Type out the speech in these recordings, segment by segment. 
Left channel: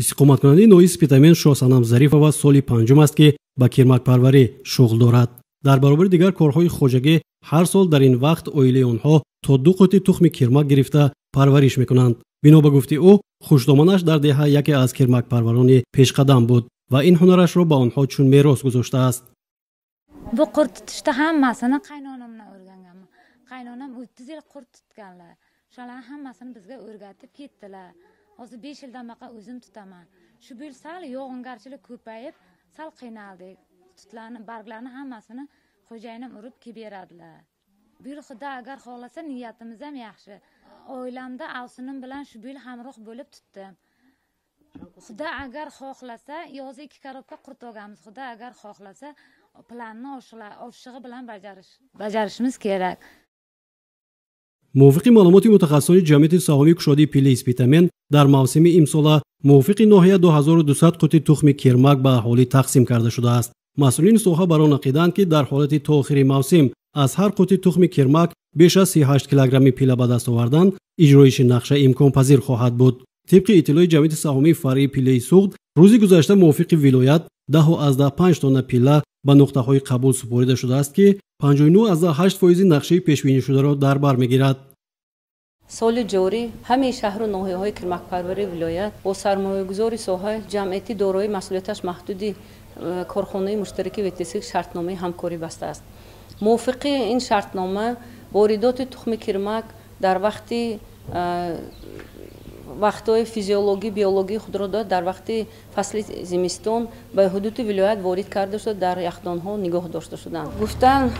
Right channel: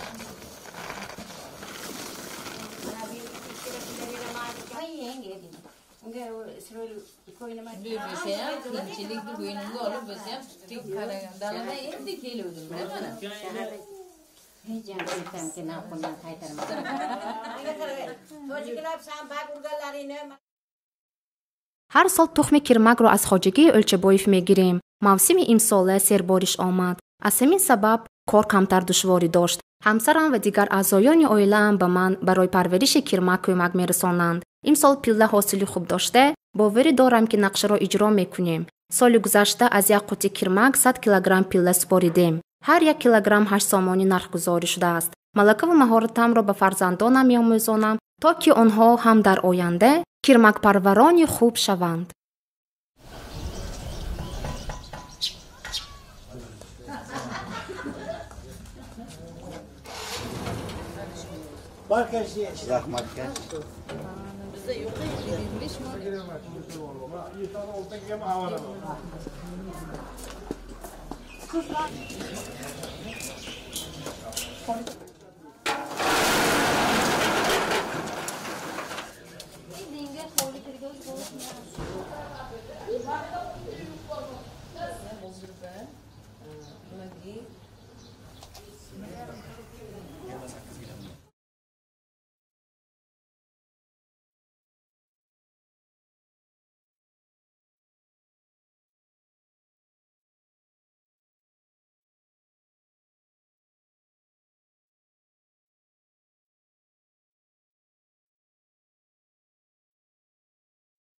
истиқоматкунандаи ноҳияи Спитамен Шоҳсанам Зарифова соли панҷум аст ки ба кирмакпарварӣ шуғл дорад. дар баробари дигар корҳои хоҷагӣ ҳар сол дар ин вақт оилаи онҳо то 2 қути тухми кирмак гирифта парвариш мекунанд. бино ба гуфти ӯ, хушдоманаш дар деҳа яке аз кирмакпарварони пешқадам буд ва ин ҳунарашро ба онҳо чун мерос гузоштааст. ҳар сол тухми кирмакро аз хоҷагии Ӯлчабоев мегирем. мавсими имсола сербориш омад. аз ҳамин сабаб кор камтар душворӣ дошт. ҳамсарам ва дигар аъзоёни оилаам ба ман барои парвариши кирмак кӯмак мерасонанд. имсол пилла ҳосили хуб дошта, боварӣ дорам ки нақшаро иҷро мекунем. соли гузашта аз як қути кирмак 100 килограмм пилла супоридем. ҳар 1 килограмм 8 сомонӣ нархгузорӣ шудааст. малакаву маҳоратамро ба фарзандонам меомӯзонам, то ки онҳо ҳам дар оянда кирмакпарварони хуб шаванд. мувофиқи маълумоти мутахассисони ҷамъияти саҳомии кушодии пиллаи Спитамен, дар мавсими имсола мувофиқи ноҳия 2200 қути тухми кирмак ба аҳолӣ тақсим карда шудааст. масъулини соҳа бар он ақиданд ки дар ҳолати то охири мавсим аз ҳар қути тухми кирмак беш аз 38 килограмми пилла ба даст овардан иҷроиши нақша имконпазир хоҳад буд. طبق اطلاع جمعیت سهامی فرعی پیله سوخت روز گذشته موافق ولایت 10.5 تن پیله به نقطه‌های قبول سپرده شده است که 59.8% نقشه پیش‌بینی شده را در بر می‌گیرد. سال جاری همه شهر و ناحیه‌های کلمک‌پروری ولایت با سرمایه‌گذاری ساحه جمعیتی دارای مسئولیتش محدودی کارخانه مشترک وتسیک شرطنامه همکاری بسته است. موافق این شرطنامه واردات تخم کرمک در وقت‌های فیزیولوژی بیولوژی خود را در وقت فصل زمستان به حدود ولایت وارد کرده شده در یخدان‌ها نگاه داشته شدند. گفتن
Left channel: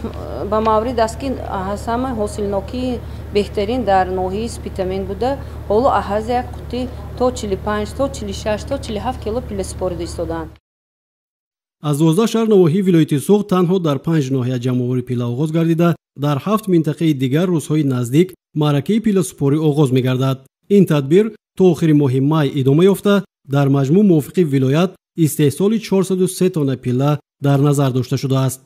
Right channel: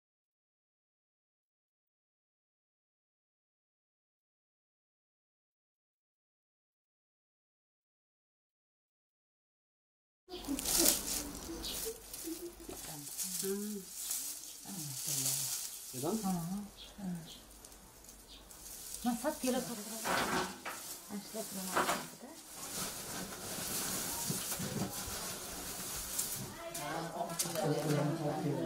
با مورد است که همه حاصلناکی بهترین در ناحیه اسپیتامین بوده. حالا از یک قطعه تا 45 تا 46 تا 47 کیلو پیله سپرده ایستادند. از 12 شهر نواحی ولایت سوخت تنها در 5 ناحیه جمع‌آوری پیله آغاز گردیده، در 7 منطقه دیگر روزهای نزدیک معرکه پیله سپاری آغاز می‌گردد. این تدبیر تا آخر ماه می ادامه یافته در مجموع موافق ولایت استحصال 403 تن پیله در نظر داشته شده است.